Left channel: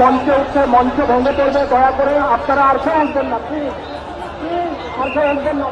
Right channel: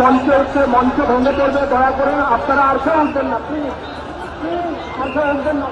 মঞ্চে হচ্ছে, মঞ্চ ভেঙে পড়বে, দয়া করে আপনারা আর কেউ আসবেন না, প্লিজ আর কেউ আসবেন না।